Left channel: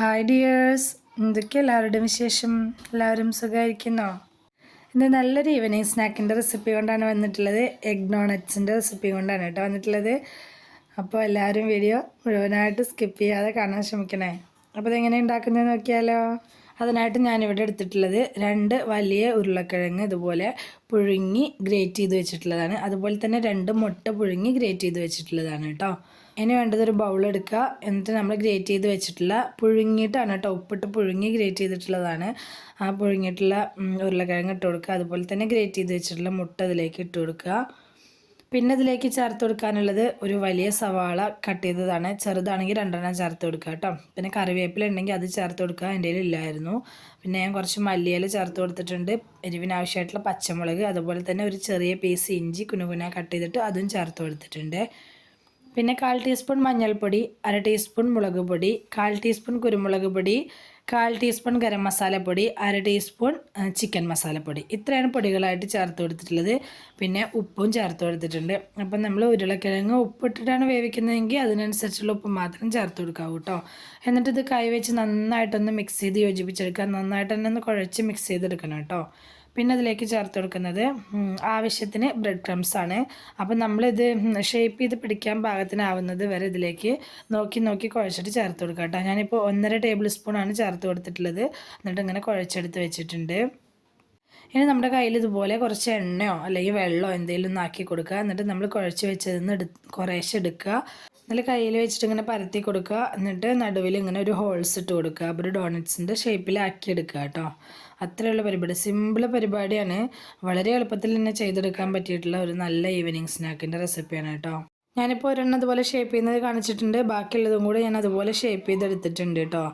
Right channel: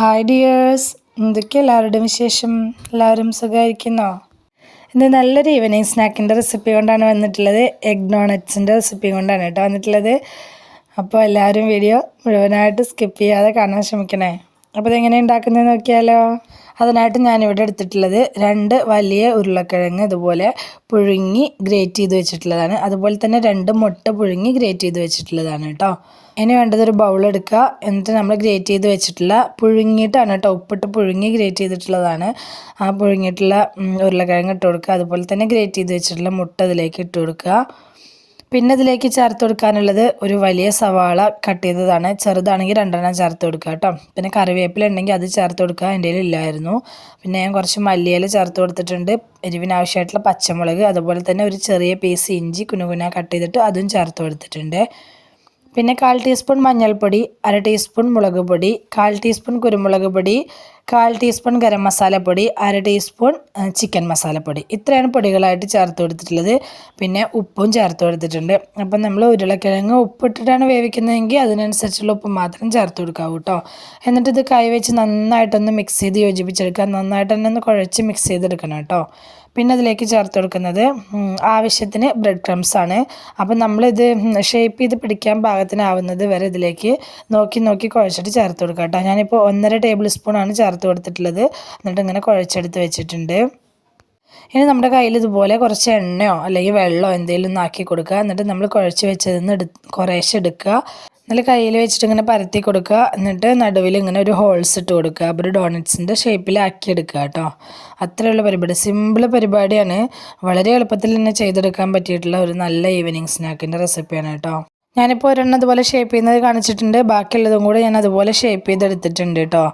Hi dears എന്തൊക്കെ എല്ലാവരുടെയും വിശേഷം? എല്ലാവരും സുഖമായിരിക്കുന്നോ? ഇന്ന് നല്ലൊരു ഈവനിങ് സ്നാക്കിന്റെ റെസിപ്പി കൊണ്ടാണ് വന്നിട്ടുള്ളത്. എഗ് ഡോണറ്റ്സിന്റെ റെസിപ്പി കൊണ്ടാണ് കേട്ടോ വന്നിട്ടുള്ളത്. അപ്പോൾ എല്ലാവരും വീഡിയോ മുഴുവനായിട്ട് സ്കിപ്പ് ചെയ്യാതെ കാണാൻ ശ്രമിക്കണേ. അപ്പോൾ ഇതെങ്ങനെ ഉണ്ടാക്കുന്നത് നോക്കിയാലോ? അതിനായിട്ട് ഞാനിവിടെ എടുത്തിട്ടുള്ളത് രണ്ട് വലിയ ഉരുളക്കിഴങ്ങ് ഇതുപോലെ പുഴുങ്ങി ഗ്രേറ്റ് ചെയ്ത് വെച്ചിട്ടുള്ളതാണ്. അതുപോലെ തന്നെ രണ്ട് മുട്ട പുഴുങ്ങി ഗ്രേറ്റ് ചെയ്ത് വെച്ചിട്ടുള്ളതാണ് കേട്ടോ. ഇനി വേണ്ടത് ഒരു ബൗൾ എടുക്കുക. എന്നിട്ട് നമ്മൾ ഗ്രേറ്റ് ചെയ്ത് വെച്ചിട്ടുള്ള പുഴുങ്ങിയിട്ടാണ് കേട്ടോ. ഉപ്പിട്ട് പുഴുങ്ങി ഗ്രേറ്റ് ചെയ്തിട്ടുള്ളതാണ്. ആ പുഴുങ്ങിയിട്ടുള്ള ഉരുളക്കിഴങ്ങ് ഇട്ട് കൊടുക്കുക. അതുപോലെ തന്നെ ഗ്രേറ്റ് ചെയ്ത് വെച്ചിട്ടുള്ള മുട്ട അതിലേക്ക് ഇട്ട് കൊടുക്കുക. പിന്നെ ഇതിലേക്ക് ചേർത്ത് കൊടുക്കാനുള്ളത് ഒരു വലിയ സവാള കട്ട് ചെയ്തതാണ്. ചെറുതാണെങ്കിൽ രണ്ടെണ്ണം ചേർത്ത് കൊടുക്കുക കേട്ടോ. പിന്നെ കറിവേപ്പില ഉണ്ടെങ്കിൽ അത് ചേർത്ത് കൊടുക്കുക. എന്റെ ഇല്ലായിരുന്നു. പിന്നെ ഞാൻ കുറച്ച് മല്ലിയില ചേർത്ത് കൊടുത്തിട്ടുണ്ട്. എരിവിനാവശ്യമായിട്ടുള്ള പച്ചമുളക് അതുപോലെ തന്നെ ഒരു ചെറിയ പീസ് ഇഞ്ചി കുനുകുന കട്ട് ചെയ്തിട്ട് അതും ചേർത്ത് കൊടുത്തിട്ടുണ്ട്. പിന്നെ കാൽ ടീസ്പൂൺ മഞ്ഞൾപ്പൊടി അര ടീസ്പൂൺ മുളക് പൊടി കാൽ ടീസ്പൂൺ കുരുമുളക് പൊടി കാൽ ടീസ്പൂൺ ഗരം മസാലപ്പൊടി അര ടീസ്പൂൺ ചിക്കൻ മസാലപ്പൊടി ഇത്രയാണ് പൊടികളായിട്ട് ചേർത്ത് കൊടുത്തിട്ടുള്ളത്. പിന്നെ ഉപ്പും ചേർത്ത് കൊടുത്തിട്ടുണ്ട്. അപ്പം നമ്മൾ ഉരുളക്കിഴങ്ങ് ഉപ്പിട്ടിട്ടാണ് വേവിക്കുന്നതെങ്കിൽ അതിനനുസരിച്ചുള്ള ഉപ്പ് മാത്രം ചേർത്ത് കൊടുക്കാവൂ കേട്ടോ എന്നിട്ട് ഇത് കൈ വെച്ച് നന്നായിട്ടൊന്ന് മിക്സ് ചെയ്ത് യോജിപ്പിച്ചെടുക്കുക. നന്നായിട്ട് തന്നെ ഒന്ന് കുഴച്ച് മിക്സ് ചെയ്തെടുക്കണം കേട്ടോ പിന്നെ അതിലേക്ക് ചേർത്ത് കൊടുക്കുന്നത് ആവശ്യത്തിന് ബ്രെഡ് ക്രംസ് ആണ്. അപ്പം നമ്മളിത് ഷേപ്പ് ചെയ്ത് പിടിക്കാൻ പാകത്തിനാവുന്നത് വരെ ഇതിലേക്ക് നോക്കി നോക്കി കുഴച്ചിട്ട് ചേർത്ത് കൊടുക്കാം കേട്ടോ ഞാനിപ്പോൾ ഒന്നര ടേബിൾ സ്പൂണാണ് ചേർത്ത് കൊടുത്തിട്ടുള്ളത്. എന്നിട്ട് ഇങ്ങനെ കുഴച്ചെടുത്ത് വെച്ചിട്ടുണ്ട്. ഇനി നമ്മുടെ കയ്യിൽ ഇതുപോലെ കുറച്ച് എണ്ണയോ അല്ലെങ്കിൽ വെള്ളമോ എന്തെങ്കിലും ഒന്ന് ആക്കി കൊടുക്കുക. എന്നിട്ട് നമ്മൾ കുഴച്ച് വെച്ചതിന്ന് എടു കുറേശ്ശെ എടുക്കുക. നല്ല കയ്യിൽ വെച്ചിട്ട് ഇങ്ങനെ പരത്തി കൊടുക്കുക. എന്നിട്ട് നടുവിൽ ഇങ്ങനെ ഒരു ഹോൾസ് ഇട്ട് കൊടുക്കുക. അപ്പോൾ ഒരു ഡോണറ്റ്സിന്റെ ഷേപ്പിലാക്കി എടുക്കുക കേട്ടോ. അത്രയുള്ള പരിപാടി. സിമ്പിൾ പരിപാടിയാണ്. വളരെ എളുപ്പത്തിൽ തന്നെ ചെയ്തെടുക്കാൻ പറ്റിയിട്ടുള്ള ഒരു നല്ല ഈവനിങ് സ്നാക്കിന്റെ റെസിപ്പിയാണ് കേട്ടോ. ഞാനിപ്പോൾ ഒരെണ്ണം അതുപോലെ ഷേപ്പ് ചെയ്യുന്നത് കാണിച്ചിട്ടുണ്ട്. ബാക്കിയുള്ളതും കൂടെ ഞാൻ അതുപോലെ ഷേപ്പ് ചെയ്തെടുത്തിട്ടുണ്ട് കേട്ടോ.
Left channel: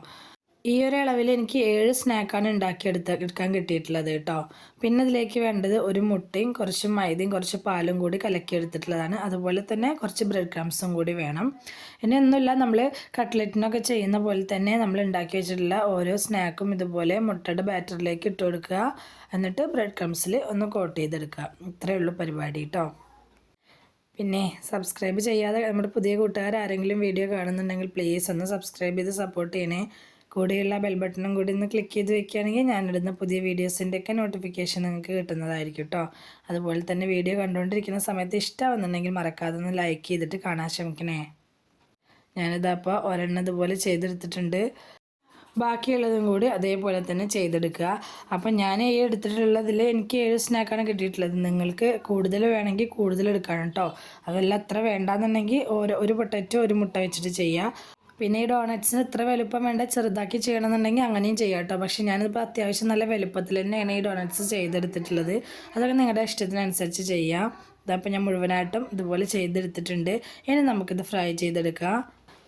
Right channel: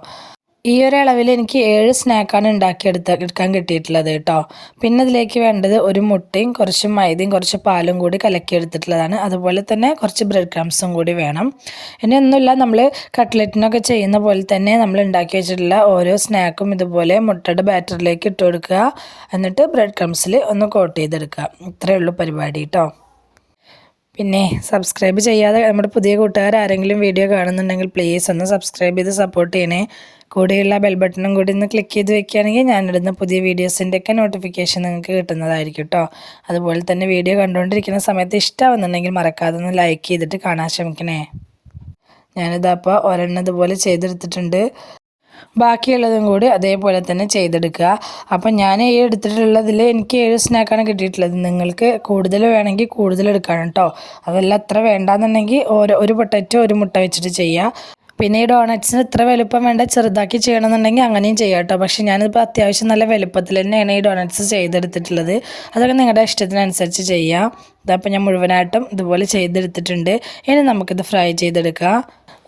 ഈ ഒരു അളവിൽ എനിക്ക് ഏഴ് സ്നാക്കാണ് ഉണ്ടാക്കിയെടുത്ത എടുക്കാൻ കിട്ടിയിട്ടുള്ളത് കേട്ടോ. പിന്നെ ഇതിലേക്ക് വേണ്ടത് ഒരു മുട്ടയും കുറച്ച് മൈദയും കുറച്ച് പാലും കൂടി കലക്കി എടുത്തിട്ടുള്ളതാണ് അതുപോലെ തന്നെ കുറച്ച് ബ്രെഡ് ക്രംസും കൂടി വേണം. ഇനി ഒന്നുമില്ല നമ്മൾ കട്ട്ലറ്റിനൊക്കെ ചെയ്യുന്ന പോലെ തന്നെ നമ്മൾ ഉണ്ടാക്കി വെച്ചിട്ടുള്ള ഓരോ സ്നാക്കും ഇതുപോലെ മുട്ടയുടെ ബാറ്ററിലേക്ക് ഇട്ട് കൊടുക്കുക. എന്നിട്ട് ബ്രെഡ് ക്രംസിൽ ഒന്ന് കോട്ട് ചെയ്തെടുക്കുക. ഇത്രയേ ഉള്ളൂ പരിപാടി കേട്ടോ. പിന്നെ സബ്സ്ക്രൈബ് ചെയ്യാതെ നമ്മുടെ പുതിയ കൂട്ടുകാർ ആരെങ്കിലും വീഡിയോ കാണുന്നുണ്ടെങ്കിൽ പ്ലീസ് ഒന്ന് സബ്സ്ക്രൈബ് ചെയ്ത് സപ്പോർട്ട് ചെയ്യണേ. കൂടെയുള്ള ബെൽ ബട്ടണും കൂടി ഒന്ന് ക്ലിക്ക് ചെയ്ത് വെക്കുകയാണെങ്കിൽ ഞാനിടുന്ന പുതിയ വീഡിയോസിന്റെയൊക്കെ നോട്ടിഫിക്കേഷൻ നിങ്ങൾക്ക് കിട്ടുന്നതായിരിക്കും കേട്ടോ അതുപോലെ തന്നെ വീഡിയോ കണ്ടുകൊണ്ടിരിക്കുന്ന സമയത്ത് ഇഷ്ടമാവുന്നുണ്ടെങ്കിൽ മറക്കാതെ ഒന്ന് ലൈക്ക് ചെയ്തിട്ട് കാണാൻ ശ്രമിക്കണേ. ഞാനിതപ്പോൾ ഒരെണ്ണം ഇതുപോലെ ചെയ്തെടുത്തിട്ടുണ്ട്. ബാക്കിയുള്ളതും കൂടി അതേപോലെ തന്നെ ചെയ്തെടുക്കുക. അപ്പം ഞാൻ ഈ എടുത്തിട്ടുള്ളതിൽ എനിക്ക് ഏഴ് സ്നാക്കാണ് കിട്ടിയിട്ടുള്ളത്. നിങ്ങൾക്ക് കൂടുതൽ വേണമെങ്കിൽ കൂടുതൽ എടുക്കണം കേട്ടോ അതെല്ലാം അത്ര വേണ്ടാന്നുണ്ടെങ്കിൽ ഓരോ ഒരു പൊട്ടറ്റോ ഒരു മുട്ട വെച്ചിട്ട് ചെയ്യുക പിന്നെ ഈ ഡോണറ്റ്സിന് ഇത്ര വലുപ്പം വേണ്ട ചെറുതാക്കി ചെയ്യണമെന്നുണ്ടെങ്കിൽ അങ്ങനെയും ചെയ്യാം കേട്ടോ. പക്ഷേ ഞാനിപ്പോൾ അത്യാവശ്യം നല്ല വലുപ്പത്തിൽ തന്നെയാണ് ഈ ഡോണറ്റ്സ് ചെയ്തെടുത്തിട്ടുള്ളത്. അതൊക്കെ നിങ്ങളുടെ ഇഷ്ടത്തിനനുസരിച്ച് ചെയ്യാം. ഇതപ്പോൾ ഞാൻ മുഴുവനായിട്ടും ഇതുപോലെ ചെയ്തെടുത്തിട്ടുണ്ട്. ഇനി നമുക്കിത് ഫ്രൈ ചെയ്തെടുക്കാം.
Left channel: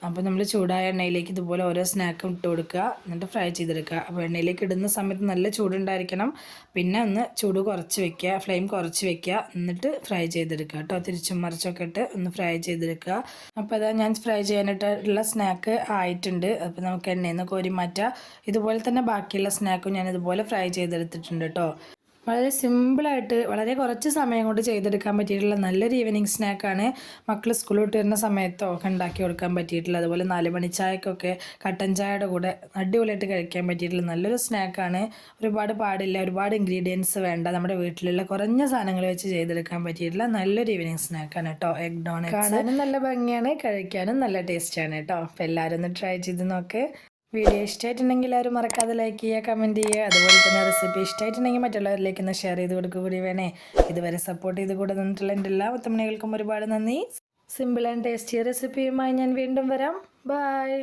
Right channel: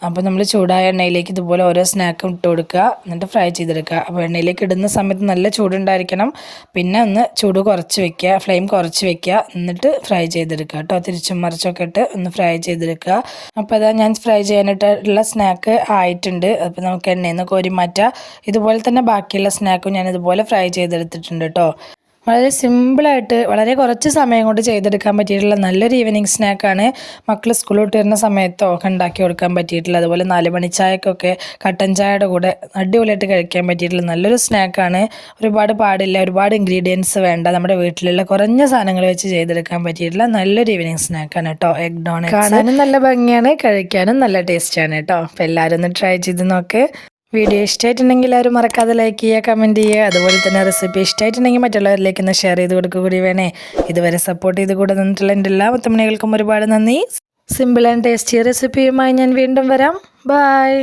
അപ്പോൾ നമ്മൾ ചൂടായ എണ്ണയിലേക്ക് ഇതുപോലെ ഓരോ സ്നാക്കും ഇട്ട് കൊടുക്കുക. എന്നിട്ട് ഫ്രൈ ചെയ്തെടുക്കുക. അപ്പോൾ എണ്ണയിലേക്ക് ഇടുന്ന സമയത്ത് നല്ല ചൂടുണ്ടായിരിക്കണം. പിന്നെ ഒന്ന് ചൂട് കുറച്ച് വെക്കുക. ഫ്ലെയിം കുറച്ച് വെക്കുക. എന്നിട്ട് ഫ്രൈ ചെയ്തെടുക്കുക കേട്ടോ. തിരിച്ചും മറിച്ചൊക്കെ ഇട്ട് ഒന്ന് ഫ്രൈ ചെയ്തെടുക്കുക. അപ്പോൾ അതാ ഞാൻ ഫ്രൈ ചെയ്യാനായിട്ടുള്ള സ്നാക്ക് ആയിട്ടുണ്ട്. അപ്പോൾ നമുക്ക് എണ്ണയിൽ നിന്ന് കോരി മാറ്റുക ഇതുപോലെ തന്നെ ബാക്കിയുള്ള സ്നാക്കും ഞാൻ ഇതുപോലെ ഫ്രൈ ചെയ്തെടുത്തിട്ടുണ്ട് കേട്ടോ. വളരെ സിമ്പിളായിട്ട് വളരെ കുറച്ച് സമയം കൊണ്ട് ചെയ്തെടുക്കാൻ പറ്റിയിട്ടുള്ള നല്ലൊരു ഈവനിങ് സ്നാക്കാണ് മക്കൾ സ്കൂളിൽ വരുന്ന സമയത്തോ ഒക്കെ ഉണ്ടാക്കി കൊടുക്കാൻ പറ്റിയിട്ടുള്ള അതുപോലെ നാല് മണി ചായക്കൊക്കെ കട്ടൻ ചായയുടെ കൂടെ അടിപൊളിയായിട്ട് കഴിക്കാൻ പറ്റിയിട്ടുള്ള നല്ലൊരു സ്നാക്കാണ് ഒരുപാട് പാടില്ല ഒരുപാട് ഇൻഗ്രീഡിയൻസ് വേണ്ട. നമ്മുടെ വീട്ടിലുള്ള കുറഞ്ഞ സാധനങ്ങൾ വെച്ച് ചെയ്തെടുക്കാൻ പറ്റിയിട്ടുള്ള നല്ലൊരു ഈവനിങ് സ്നാക്കാണ് കേട്ടോ എഗ് ഡോണറ്റ് കാണാനും നല്ല ഭംഗിയാണ് കഴിക്കാനും നല്ല ടേസ്റ്റാണ് കേട്ടോ അപ്പോൾ എല്ലാവരും ഒന്ന് ട്രൈ ചെയ്ത് നോക്ക്. വീഡിയോ ഇഷ്ടമായിട്ടുണ്ടെങ്കിൽ എല്ലാവരും മറക്കാതെ ലൈക്ക് ചെയ്യുക കമന്റ് ചെയ്യുക. അതുപോലെ തന്നെ റെസിപ്പി ഇഷ്ടമായിട്ടുണ്ടെങ്കിൽ മറ്റുള്ളവരിലേക്ക് ഒന്ന് ഷെയർ ചെയ്ത് കൊടുക്കുക കൂടി വേണേ. ഇതുവരെ സപ്പോർട്ട് ചെയ്ത് കൂടെ നിന്നിട്ടുള്ള എന്റെ എല്ലാ മുത്തമണികൾക്കും ഒരുപാട് നന്ദി. സിമ്പിൾ ആൻഡ് ടേസ്റ്റി റെസിപ്പിയുമായി ഞാൻ വീണ്ടും വരാം. ബായ്